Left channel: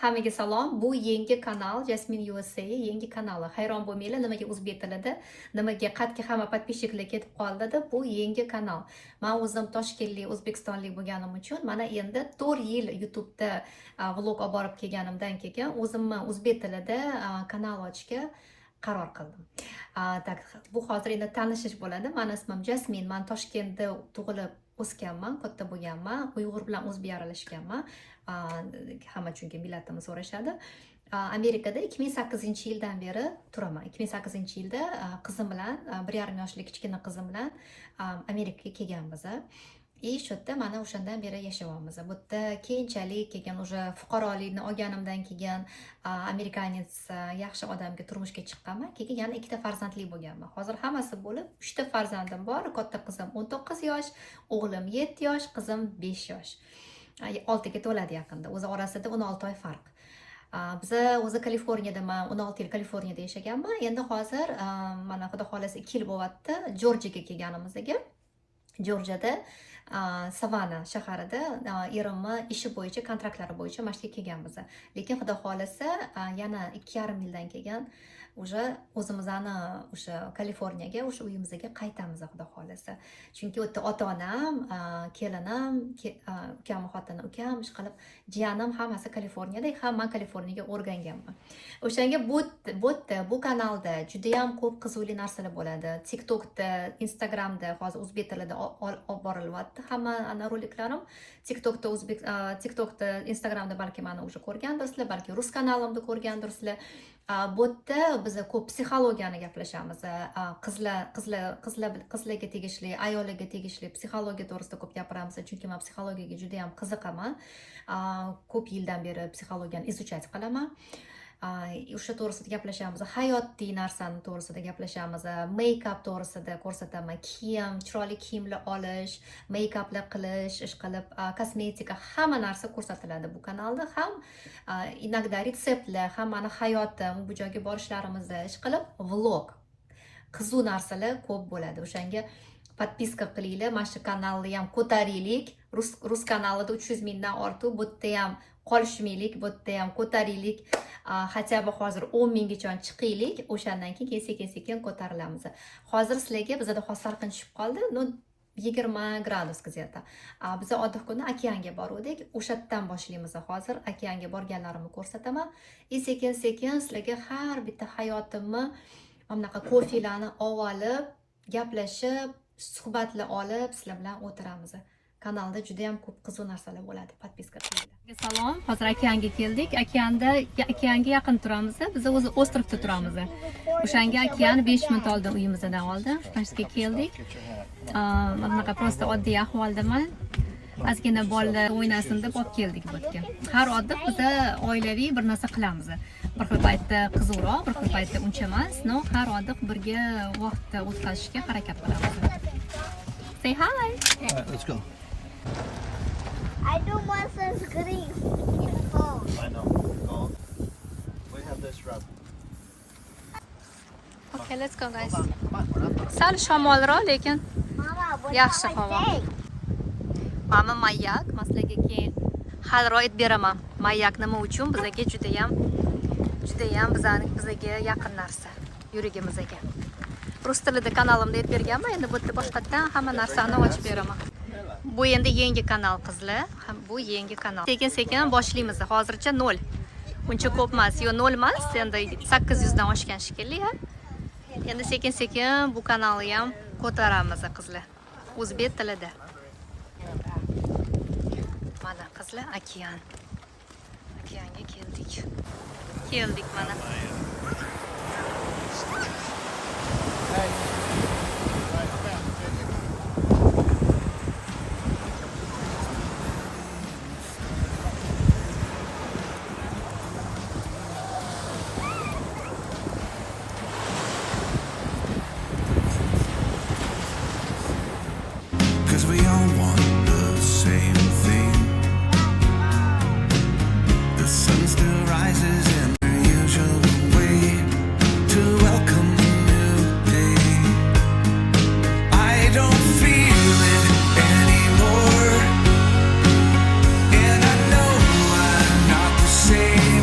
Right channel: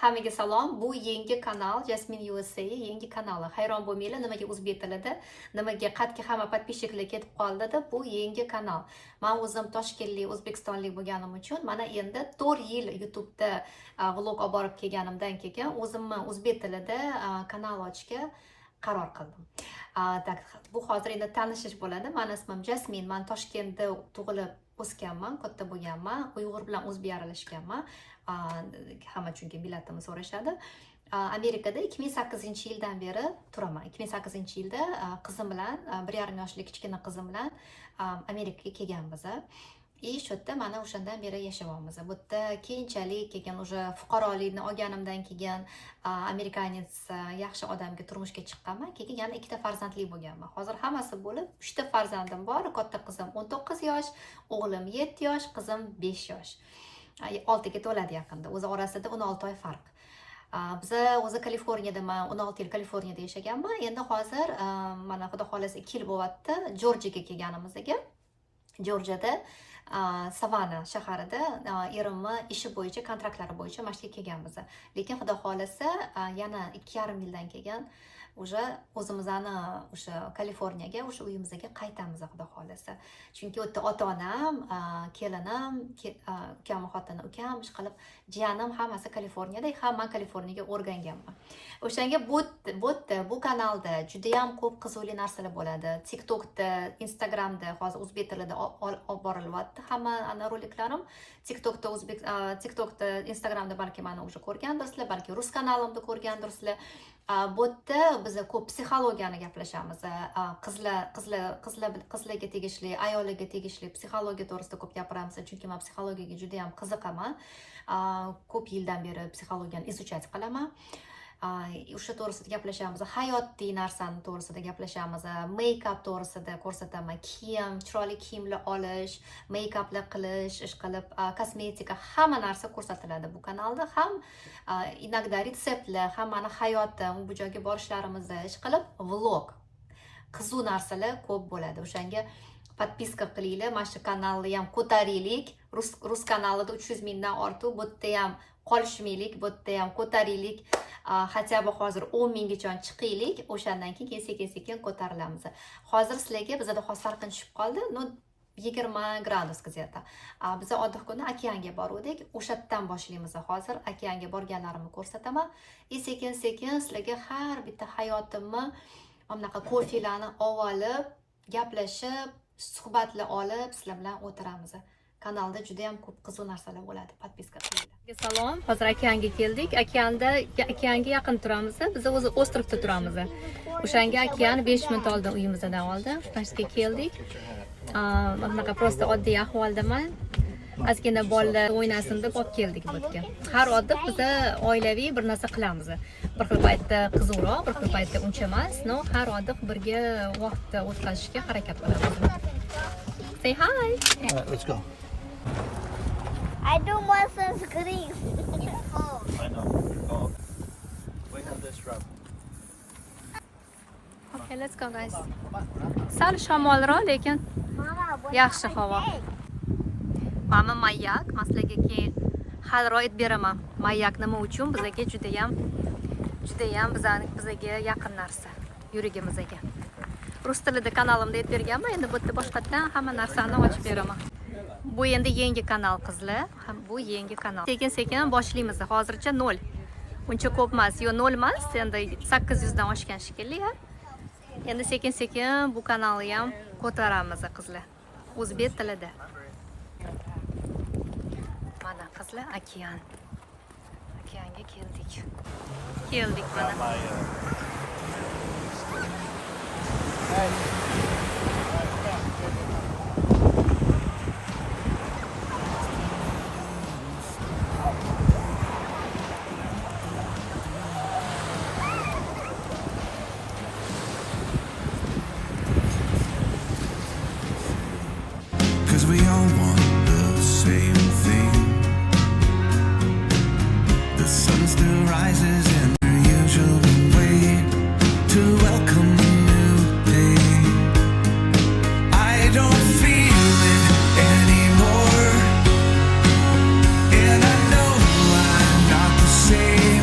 Hammaga salom. Bu yangi kanal Jasmine USA yangi kanali. Hayron bo'lmanglar, nimaga o'zbek tilida, nimaga qatki hamma podpисчиклар ketib qoldi. Bu yangi kanal. Men o'zim Toshkentlik, O'zbekistonlik bo'lganim uchun mana endi 4 yil YouTube'da vlog olib borib kelganimdan keyin o'zimni o'zbek tilida kanal ochishga qaror qildim. Tak, bu hozir endi tanishish bo'ladi. Meni ismim Jasmine. Men Toshkentda tug'ilib o'sganman, katta bo'lganman. Uyg'ur bilan o'zbek aralashganman. Hamma chunki millatimizni so'rashadi. Amerikada 2008-yildan beri turaman. 2008-yilda qizim bilan, 1,5 yoshli kichkina qizim bilan Amerikaga kelganmiz. Shu yerda mana o'shandan beri yashayapmiz. Bu yerda keyinchalik keyin o'sha fuqarolikni olganimdan keyin amerikanец yaxshi odamga turmushga chiqqanman. Keyin yana ikkita farzandli bo'lganman. Hozir hammasi bo'lib 3 ta farzandim bor. Katta qizim 19 yosh, o'g'lim 7 yosh, qizim 5 yosh. 6 ga to'ladi yaqinda. O'zi orasida 16 oy farq. Biz o'zi Kaliforniyadaman, 16 yil Kaliforniyada yashaganman. Endi hozir mana xudo xolasa 2 yil bo'lyapti Jorjiyaga kelganimizga. Jorjiyada Savana shaharida erimni ishi bo'yicha, kontraktlari bo'yicha mashqqa kelganmiz. Lekin xudo xolasa yana 2,5 yildan keyin o'sha o'zimizni o'sha Kaliforniyaga, o'sha uyimizga qaytamiz xudo xolasa. Chunki u yerda ota-onam, kelinim, ukam, xotini, ukam, ish qilib, jiyanim hammasi Kaliforniyada, ham men Kaliforniyaga o'rganganman. O'shanga bu kanalda juda ham ko'p qiziqli narsalar bo'ladi. TikTokda, Instagramda hozir o'zbek tilida olib borilyapti hamma roliklarim. TikTokda, Instagramda balki meni o'sha ko'rgandirsizlar, balki rus kanalimda ko'rgandirsizlar. Bu yerda biz ko'p psixologiyani gaplashamiz. Qizlarga tegishli, ayollarga tegishli psixologiya to'g'risida ko'p gapiramiz, chunki men psixologiyaga juda ham qiziqaman. Ko'p yildan beri psixologiyani izuchat qilaman. O'sha to'g'risida gaplashamiz, hayotiy narsani to'g'risida gaplashamiz, make-up to'g'risida ko'rsataman, kiyim, chiroyli kiyimlar olish, make-uplar qilish, ish qilib, kosmetika, hamma narsa ko'rsatiladi bu kanalda. Ham inogda retseptlar, ham meni hayotim, bu joyga borishlarimizda ish qilib, vlog, qiziq narsalar ko'p bo'ladi. O'shanga podpiska qilinglar, mana shu kanalni ham ko'taraylik. Rus kanalida 300 mingdan ortiq, bu yerda ham qolishmaylik, bu yerda ham ko'taraylik. Хотя бы hozir 10 minggacha chiqaylik, o'shandan keyin sekin ko'tarilamiz. Hozir sizlarga bizda hozir salqin tushib qoldi, 20 gradus где-то. Biz oddiy kuni okeanga bordik, o'shadan boshlaymiz. Hozir okeanga borganlarimni ko'rsataman. Sekin sizlarga har bitta hayotimni, bunaqa ko'filarni olib, gaplashib, suhbatlar olib, sizlar bilan o'tiramiz. Kanalda juda ham ko'p qiziq narsalar bo'ladi. Podpiska qiling. Salom, hozir okeanga keldik. Okeanga yaqin turamiz. Biz o'zi ostrovda turamiz. O'shanga okean 5 minut oldin uyimizdan oldi. Shunga keldik. Bunaqa prosta oddiy ahvoldaman. Ozgina bolalar o'ynasin deb olib keldik bu yerga. Har oddiy biz oilaviy bir narsa qilamiz. Bir xil paytda qiziqroq, bir xil paytda uncha emas, no, har oddiy birga vaqtni o'tkazishga harakat qilamiz. Say hi. Let's go. I don't want sunscreen. It's cold. I know. Cold. We have this rub. Okay, let's go guys. Sal shamolroq, lekin Mama, what yaxshi havo. Mama mayak, maslaga keyin haliroq aytib beraman. Mayak nima uchun bizga juda ham bizga yaqin narsa, yuragimizga. Rus tilida kanalimda aytib berganman, endi bu yerda boshqatdan hamma narsani ochib beraman. Bu endi yangi kanal qizlar, bu yangi kanal. Sekin boshlaymiz. Hozircha 0. Uncha ko'p emas, yo 0 emas, endi 800 dan oshgan shekilli. Endi sekin bu kanalni ham ko'taramiz qizlar. O'zbek tilida. Mana qizlar okeanga keldik. Mana. We all want the same thing. The sun still rises in the usual way to welcome a new day. I don't feel it anymore, and I know I'm not the same.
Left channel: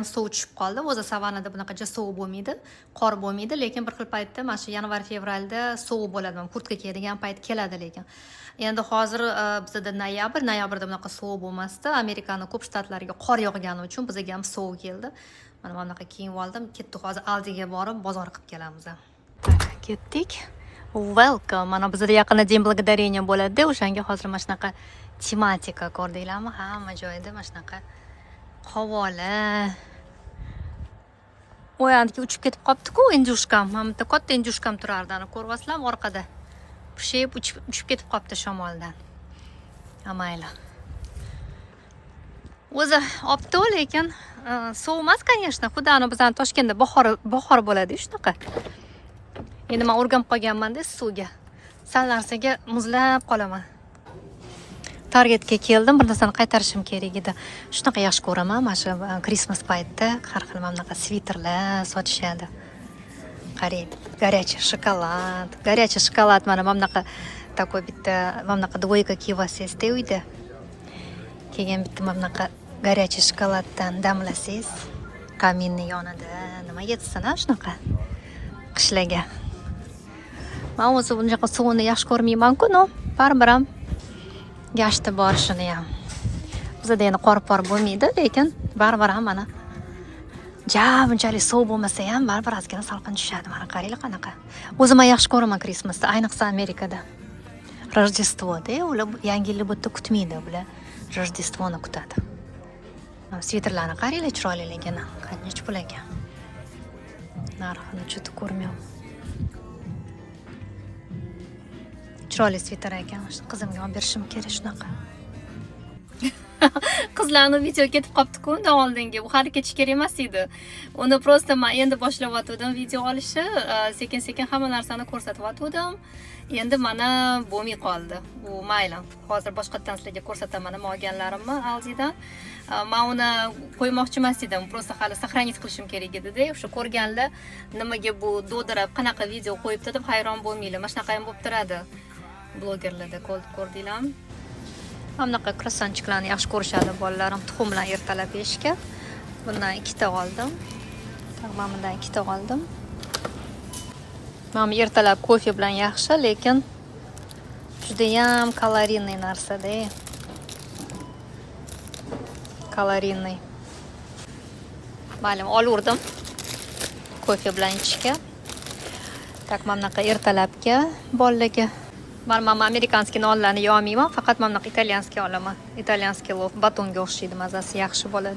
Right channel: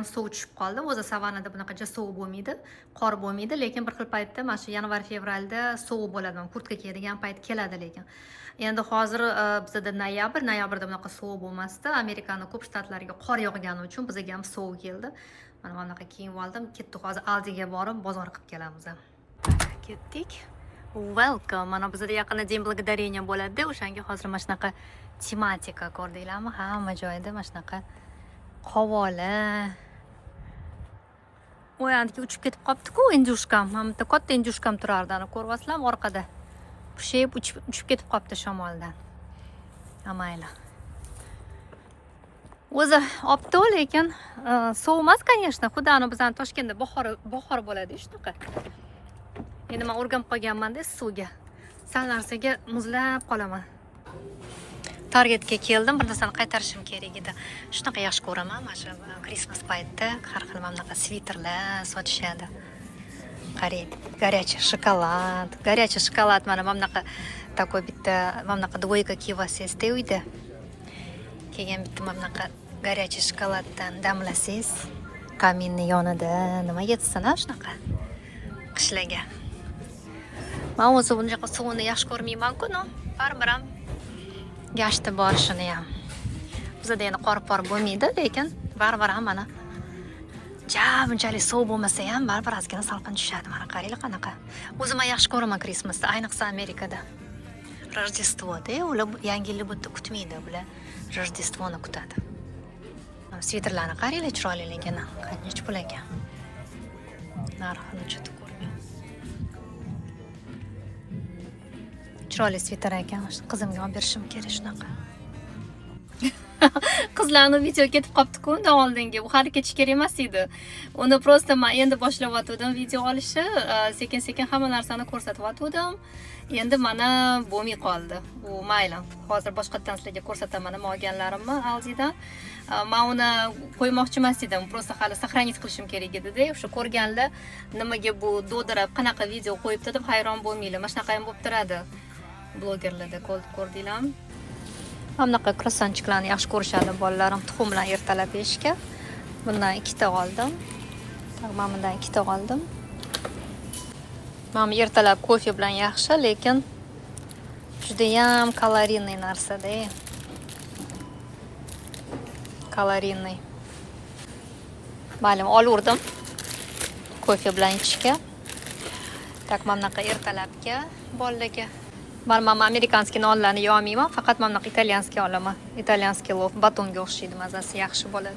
ham suv tushib qoldi. O'zi savanada bunaqacha sovuq bo'lmaydi, qor bo'lmaydi, lekin bir xil paytda mana shu yanvar fevralda sovuq bo'ladi. Kurtka kiyadigan payt keladi lekin. Endi hozir bizda noyabrda bunaqa sovuq bo'lmasdi. Amerikaning ko'p shtatlariga qor yog'gani uchun bizga ham sovuq keldi. Mana bunaqa kiyib oldim. Ketdik hozir Aldiga borib bozor qilib kelamiz. Ketdik. Welcome. Mana bizda yaqinda День благодарения bo'ladi. O'shanga hozir mana shunaqa tematika ko'rdinglarmi? Hamma joyda mana shunaqa qavola. O'yandiki uchib ketib qopti-ku injushkam. Mana bitta katta injushkam turardi, ana ko'ryapsizlarmi orqada? Pushib uchib ketib qopti shamoldan. Amayli. O'zi opti, lekin sovuq emas, конечно. Xudoni bizning Toshkentda bahor bo'ladi shunaqa. Endi men o'rganib qolganman-da suvga. Sal narsaga muzlab qolaman. Targetga keldim, bir narsani qaytarishim kerak edi. Shunaqa yaxshi ko'raman, mana shu Christmas paytda har xil mana bunaqa sviterlar sotishadi. Qarang, горячий shokolad. Горячий shokolad mana bunaqa такой bitta mana bunaqa двойка kiyib olsangiz-da uyda. Keyin bitta mana bunaqa горячий shokoladdan damlasangiz, kaminning yonida nima yetsin-a shunaqa qishlarga. Men o'zi bunaqa suvni yaxshi ko'rmayman-ku, no, baribir ham gashti bor shuni ham. Bizda endi qor-por bo'lmaydi, lekin baribir ham mana bunchalik sovuq bo'lmasa ham baribir ozgina salqin tushadi. Mana qaranglar qanaqa. O'zim ham yaxshi ko'raman Christmasni, ayniqsa Amerikada. Rojdestvoda, ular yangi yilni bu yerda kutmaydi, ular Rojdestvoni kutadi. Sviterlarni qaranglar chiroyliligini, qancha pul ekan. Narxini chutib ko'rmayman. Chiroyli sviter ekan, qizimga olib berishim kerak shunaqa. Qizlarni video ketib qopti-ku undan oldingi. U hali ketish kerak emas edi. Uni prosta men endi boshlayotgandim video olishni, sekin-sekin hamma narsani ko'rsatayotgandim. Endi mana bo'lmay qoldi. Bu mayli. Hozir boshqatdan sizlarga ko'rsataman nima olganlarimni Aldidan. Men uni qo'ymoqchi emas edim. Prosta hali сохранить qilishim kerak edi-da. O'sha ko'rganlar nimaga bu do'dirab qanaqa video qo'yibdi deb hayron bo'lmaylar. Mana shunaqa ham bo'lib turadi. Blogerlarda ko'rdinglarmi? Bunaqa krossonchiklarni yaxshi ko'rishadi bolalarim, tuxum bilan ertalab yeyishga. Bundan 2 ta oldim. Men bundan 2 ta oldim. Men ertalab kofe bilan yaxshi, lekin juda ham kalorinli narsa-da. Kalorinli. Ma'lum olurdim kofe bilan ichishga. Tak bunaqa ertalabga bolalarga. Men amerikanskiy nonlarni yeyolmayman, faqat men bunaqa italyanskiy olaman. Italyanskiy lof batonga o'xshaydi, mazasi yaxshi bo'ladi.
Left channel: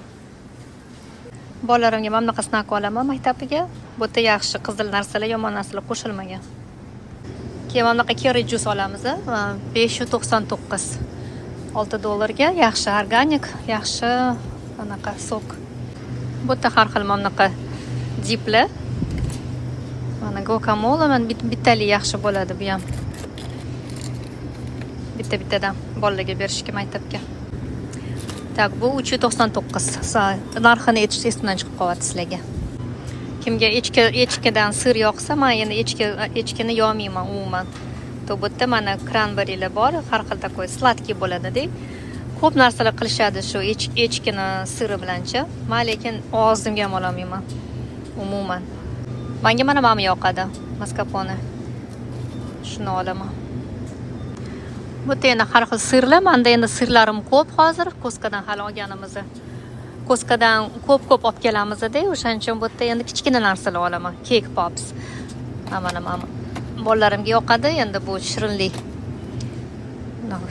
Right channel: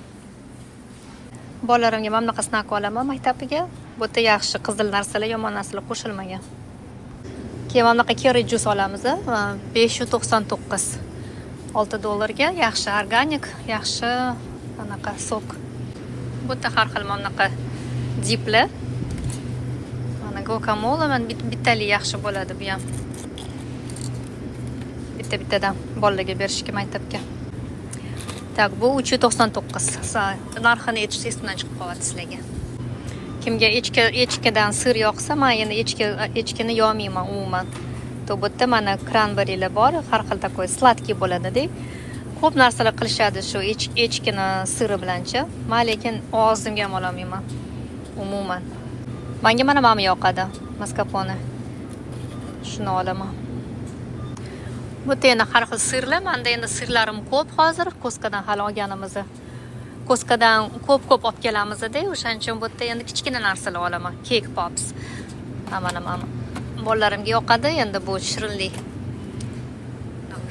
Bolalarimga men bunaqa snack olaman maktabiga. Bu yerda yaxshi qizil narsalar, yomon narsalar qo'shilmagan. Keyin bunaqa curry juice olamiz, 599. $6 yaxshi organik, yaxshi bunaqa sok. Bu yerda har xil bunaqa diplar. Mana guacamole men bittali yaxshi bo'ladi bu ham. Bittadan bolalarga berishga maktabga. Tak, bu 399. Narxini aytish esimdan chiqib qolyapti sizlarga. Kimga echkidan sir yoqsa, men endi echkini yo'mayman umuman. To bu yerda mana cranberrylar bor, har xil takoy sladkiy bo'ladi-da. Ko'p narsalar qilishadi shu echkini siri bilancha. Men lekin og'zimga ham olmayman umuman. Menga mana yoqadi, mascarpone. Shuni olaman. Bu yerda har xil sirlar, menda endi sirlarim ko'p hozir, Koskadan hali olganimiz. Koskadan ko'p olib kelamiz-da, o'shaning uchun bu yerda endi kichkina narsalar olaman. Cake pops. Mana bolalarimga yoqadi, endi bu shirinlik.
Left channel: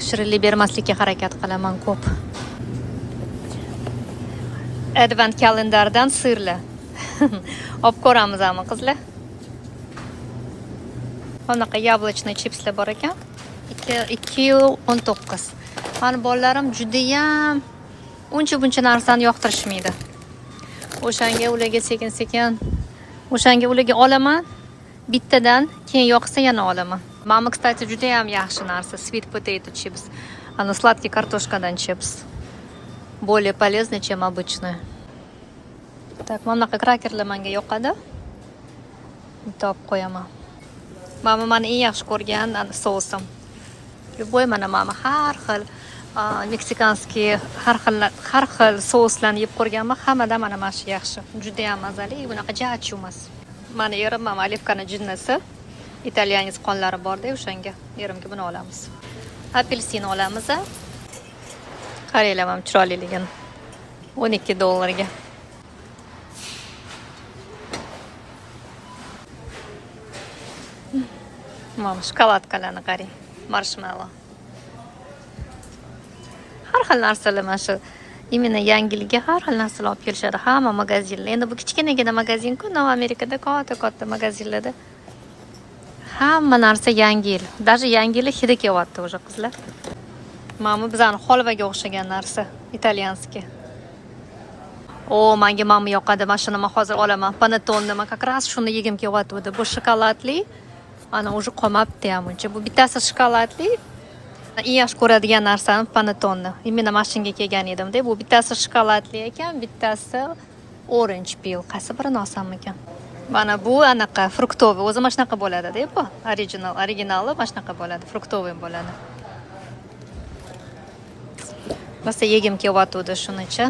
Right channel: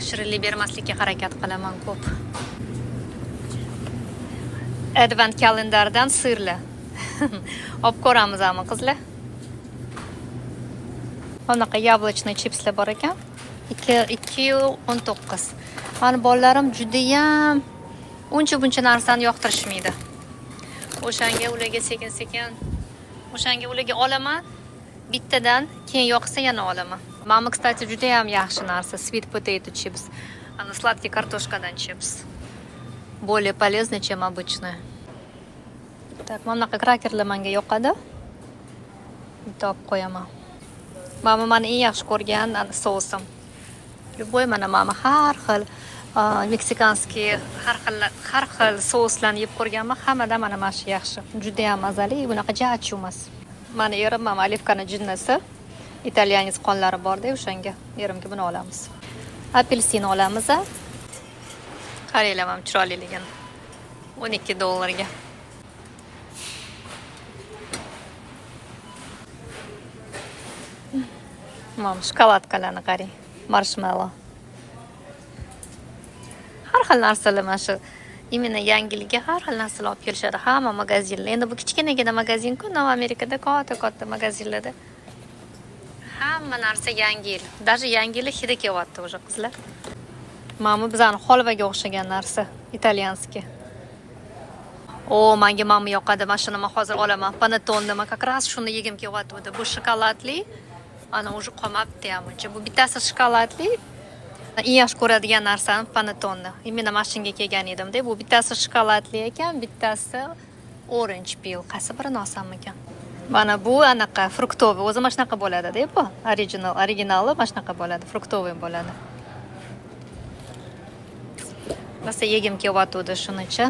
Shirinlik bermaslikka harakat qilaman ko'p. Advent kalendardan sirlar. Olib ko'ramizmi, qizlar? Bunaqa yablочный chipslar bor ekan. 2.19. Mani bolalarim juda ham uncha-buncha narsani yoqtirishmaydi. O'shanga ularga sekin-sekin o'shanga ularga olaman. Bittadan keyin yoqsa yana olaman. Mama, kстати, juda ham yaxshi narsa, sweet potato chips. Ana сладкий картошкадан chips. Более полезный, чем обычный. Так, mana krakerlar menga yoqadi. Bitta olib qo'yaman. Mama meni eng yaxshi ko'rgan sousim. Любой mana har xil meksikanskiy har xil souslarni yeb ko'rganman. Hammadan mana mana shu yaxshi. Juda ham mazali, bunaqa jachu emas. Mana erim mana olivkani jinnasi. Italyanец qonlari bor-da, o'shanga erimga buni olamiz. Apelsin olamiz. Qaranglar ham chiroyliligini. $12 ga. Mana shokoladkalarni qarang. Marshmallow. Har xil narsalar mana shu imенно yangiligiga har xil narsalar olib kelishadi hamma magazinlar. Endi bu kichkinagina magazin-ku, Amerikada katta magazinlarda hamma narsa yangi yil. Даже yangi yil hidi kelyapti o'sha qizlar. Mana bizani holvaga o'xshagan narsa, italyanskiy. Menga mana yoqadi. Mana shuni men hozir olaman. Panettone men как раз shuni yegim kelyapti. Bu shokoladli. Ana уже qolmabdi ham uncha. Bu bittasi shokoladli. Eng yaxshi ko'radigan narsam panettone. Imенно mashinga kelgan edim-da. Bu bittasi shokoladli ekan, bittasi orange peel. Qaysi birini olsam ekan? Mana bu anaqa fruktoviy. O'zi mana shunaqa bo'ladi-da, bu. Originali mana shunaqa bo'ladi, fruktoviy bo'ladi. Rosa yegim kelyapti shunicha.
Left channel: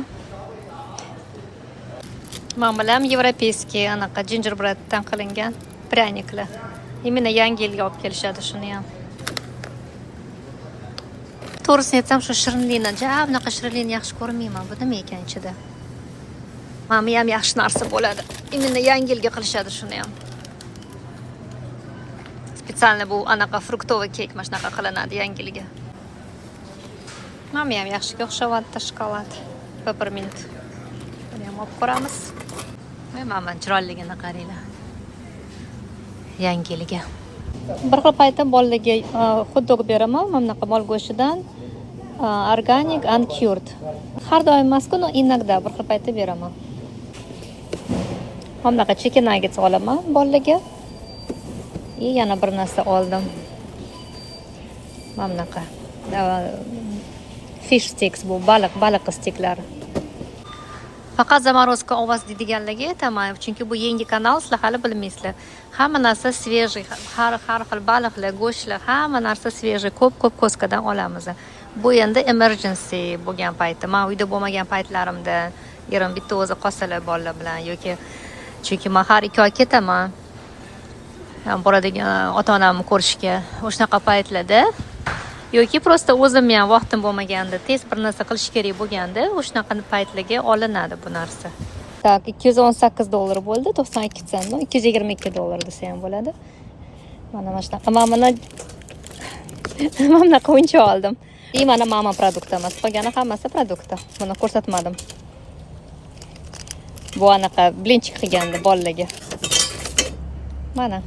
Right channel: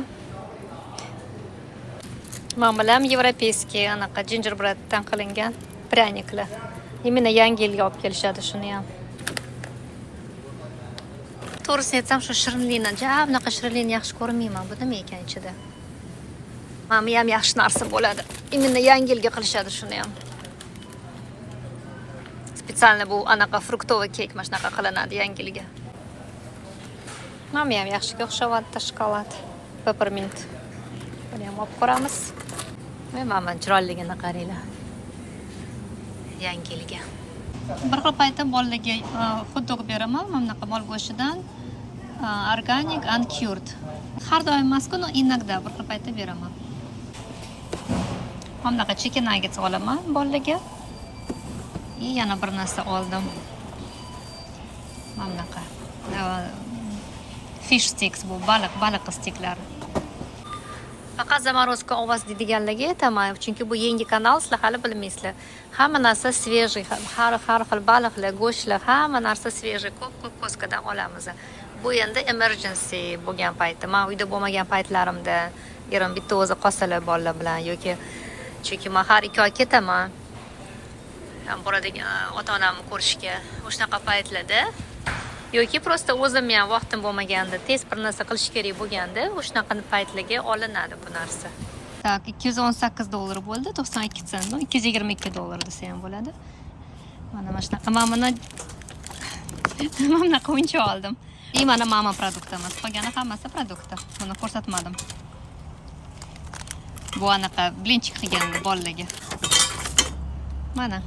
Men bilan европейский anaqa gingerbreaddan qilingan pryaniklar. Imенно yangi yilga olib kelishadi shuni ham. To'g'risini aytsam, shu shirinlikni, bunaqa shirinlikni yaxshi ko'rmayman. Bu nima ekan ichida? Mana ham yaxshi narsa bo'ladi. Imенно yangi yilga qilishadi shuni ham. Spesialni bu anaqa fruktoviy kek mana shunaqa qilinadi yangi yilga. Mana ham yaxshiga o'xshayapti shokolad. Peppermint. Buni ham olib ko'ramiz. Mana chiroyligini qaranglar. Yangi yilga. Bir xil paytda bolalarga hot-dog beraman, mana bunaqa mol go'shtidan, organic uncured. Har doim emas-ku, inogda bir xil paytda beraman. Mana bunaqa chicken nuggets olaman bolalarga. Yana bir narsa oldim. Mana bunaqa fish sticks, bu baliq stiklari. Faqat zamorozka ovoz deganlarga aytaman, chunki bu yangi kanal, sizlar hali bilmaysizlar. Hamma narsa svejiy, har xil baliqlar, go'shtlar, hamma narsa svejiy, ko'p ko'skadan olamiz. Bu endi emergency bo'lgan paytda, men uyda bo'lmagan paytlarimda, erim bitta o'zi qolsalar bolalar bilan yoki chunki men har 2 oy ketaman. Boradigan ota-onamni ko'rishga, o'shanaqa paytlarda yoki prosta o'zim ham vaqtim bo'lmaganda, tez bir narsa qilish kerak bo'lganda, o'shanaqa paytlarga olinadi bu narsa. Tak, $218 bo'ldi, 92 sent, $222 desa ham bo'ladi. Mana shunaqa, mana bunaqa o'yinchoq oldim. Mana mama produkti emas, qolgani hammasi produkti. Buni ko'rsatmadim. Bu anaqa blinchik qilganda bolalarga. Mana